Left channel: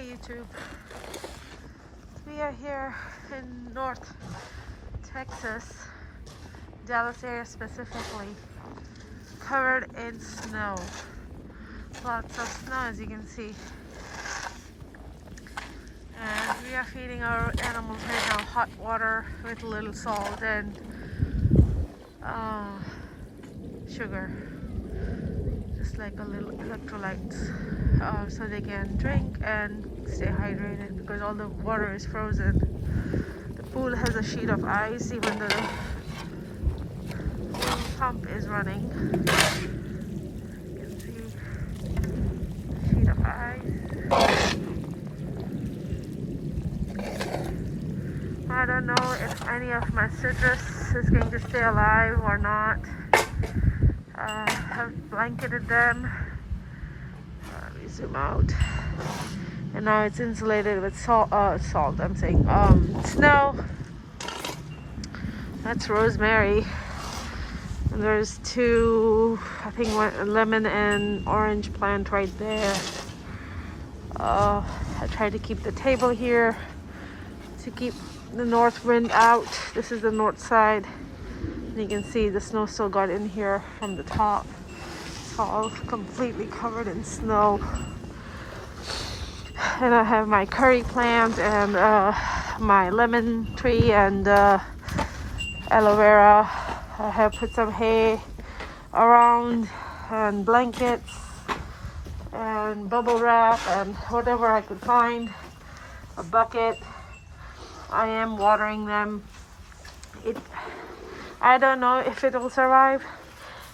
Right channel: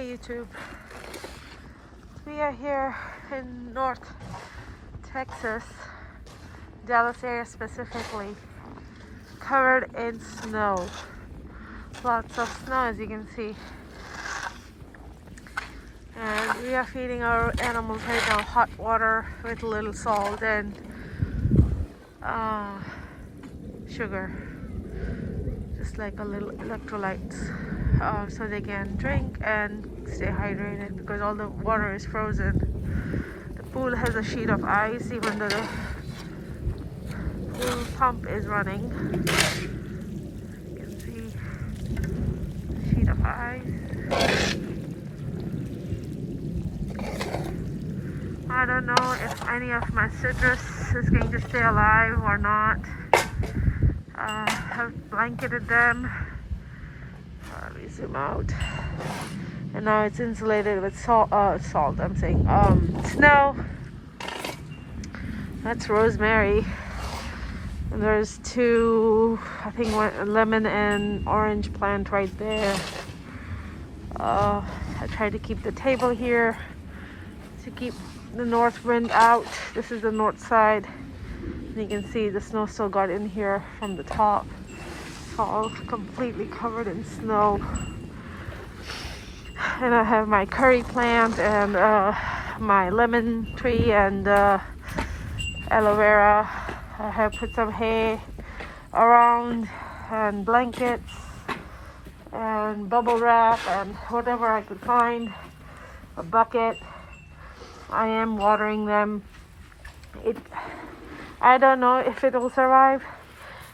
Hey YouTube, we are here in North Texas, Dallas area specifically, covered in snow. Lots of snow as you can see. And we are feeding our animals right now hot water with a little salt and sugar, just like a little electrolytes, so they can drink and stay hydrated because all the water is frozen. The pool has a sheet of ice even though the pool pump is running. You can see a sheet of ice. I don't know if any of my citrus is going to stay alive or not. I've blanketed them. Let me zoom out. And now it's insulated with snow. That's rosemary. And there's two, I think one lemon and orange plant right there. I tried to keep the table here to keep the north wind out. This is the north side. And you can see the snow still got in here from the top. It's all completely covered in snow. And I have my curry plant and my lemon tree and aloe vera. I have put some hay around and blankets and bubble wrap and whatever I could find. A bucket. I am watering them. I don't know if it will survive.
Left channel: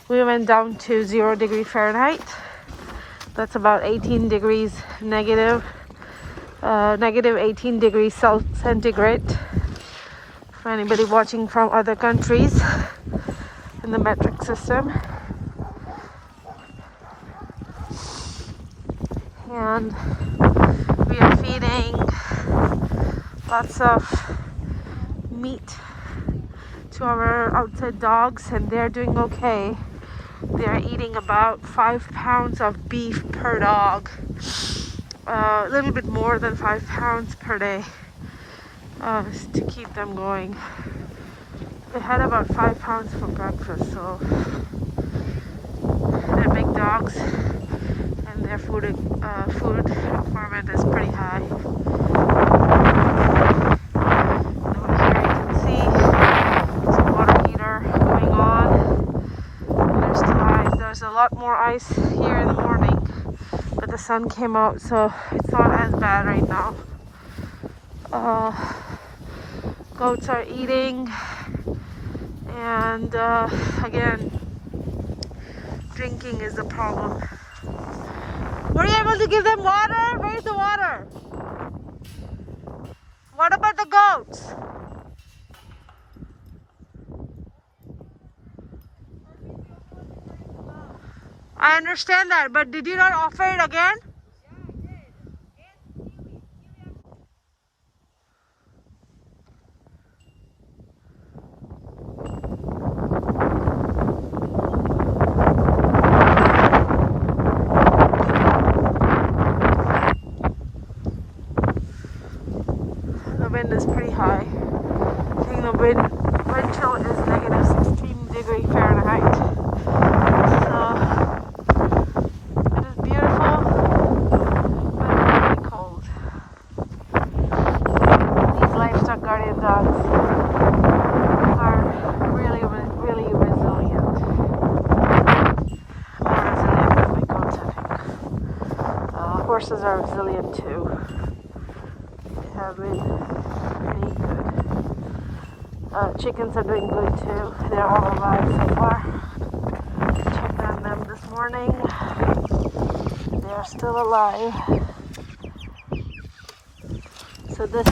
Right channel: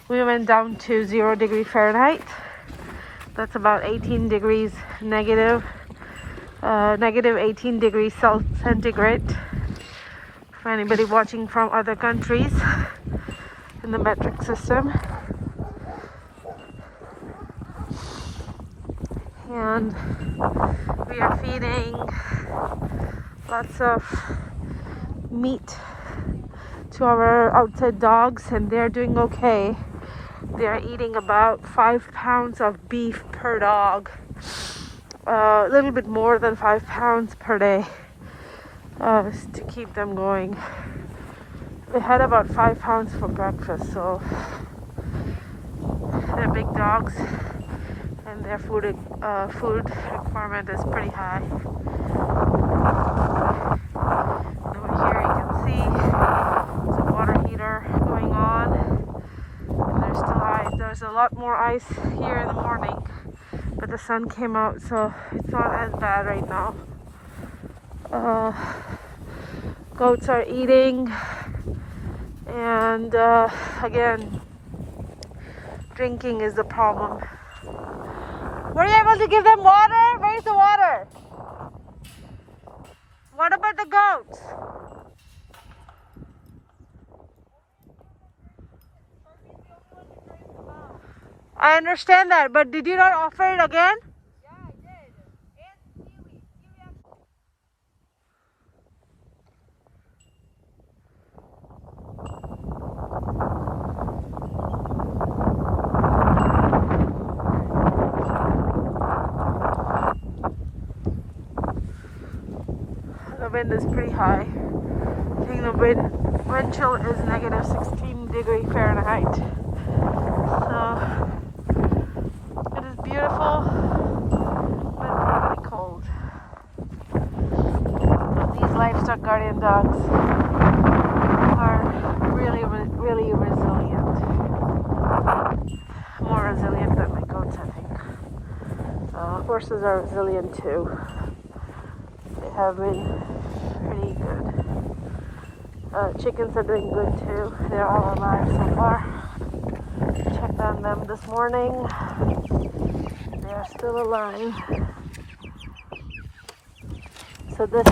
We went down to 0 degrees Fahrenheit. That's about 18 degrees negative. Negative 18 degrees centigrade. For anybody watching from other countries in the metric system. And we are feeding lots of meat to our outside dogs, and they're doing okay. They're eating about 5 pounds of beef per dog, a little bit more than 5 pounds per day, to keep them going. They had about 5 pounds for breakfast, so they're big dogs, and their food requirement is pretty high. And over here you can see some water heater going on, and there's still ice. There's a lot more ice here in the morning, but the sun came out, so it's not as bad right now. Goats are eating, and again, drinking is the problem. Were you able to give them water? Where's the water? What about the goats? I understand that, but did you not offer it again? Yeah, I did. And kiwi. The wind is pretty high. I think the wind chill is negative 16 degrees Fahrenheit. So it is beautiful, but really cold. These livestock guardian dogs are really resilient. More resilient than my goats, I think. Horses are resilient too. They have been pretty good. Chickens are doing good too. They're all alive so far. Checked on them this morning. They are still alive. So this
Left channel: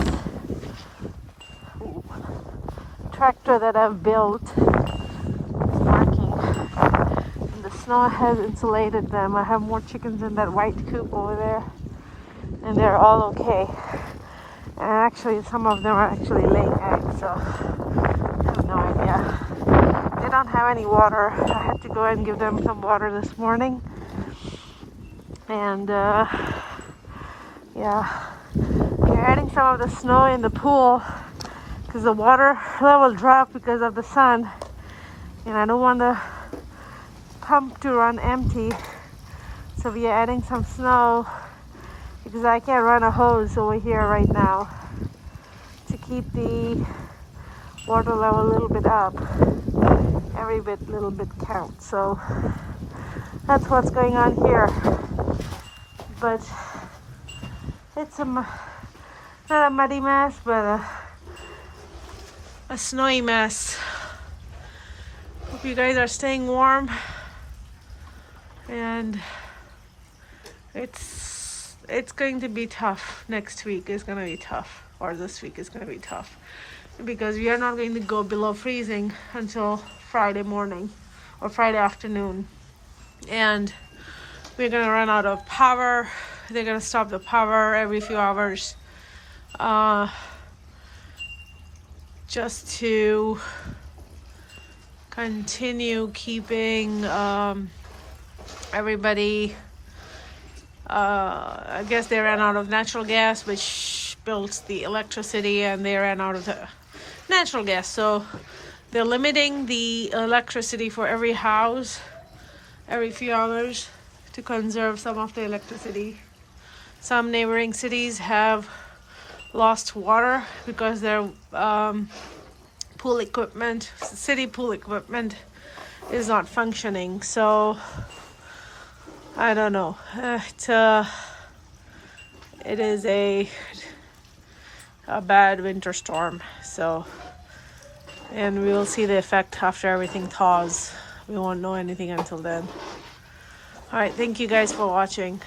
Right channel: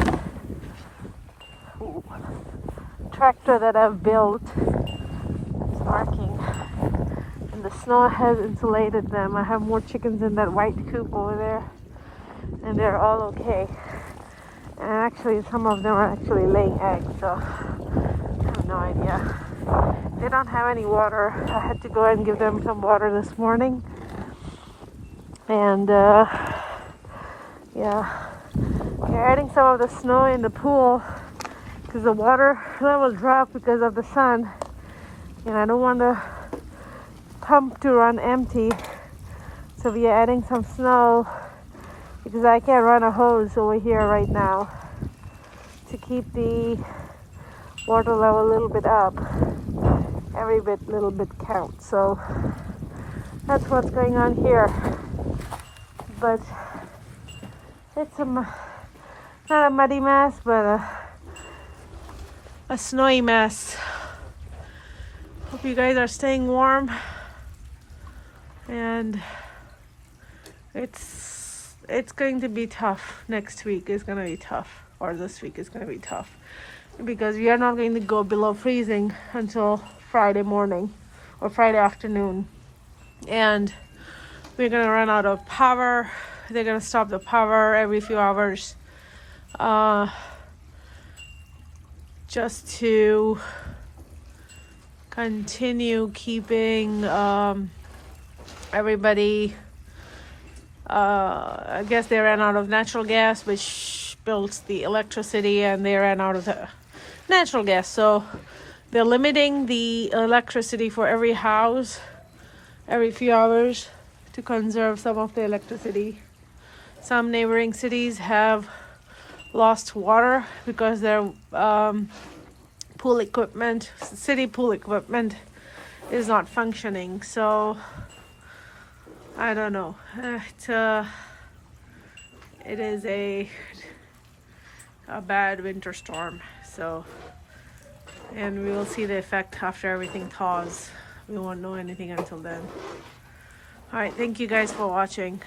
tractor that I've built is working, and the snow has insulated them. I have more chickens in that white coop over there, and they're all okay. And actually, some of them are actually laying eggs, so I have no idea. They don't have any water. I had to go and give them some water this morning. And Yeah, we're adding some of the snow in the pool because the water level dropped because of the sun, and I don't want the pump to run empty. So we are adding some snow because I can't run a hose over here right now to keep the water level a little bit up. Every little bit counts. So that's what's going on here. But it's not a muddy mess, but a snowy mess. Hope you guys are staying warm, and it's going to be tough. Next week is going to be tough, or this week is going to be tough, because we are not going to go below freezing until Friday morning or Friday afternoon, and we're going to run out of power. They're going to stop the power every few hours just to continue keeping everybody. I guess they ran out of natural gas, which builds the electricity, and they ran out of the natural gas. So they're limiting the electricity for every house every few hours to conserve some of the electricity. Some neighboring cities have lost water because their pool equipment, city pool equipment, is not functioning. So I don't know. It is a bad winter storm. So, and we will see the effect after everything thaws. We won't know anything until then. All right, thank you guys for watching.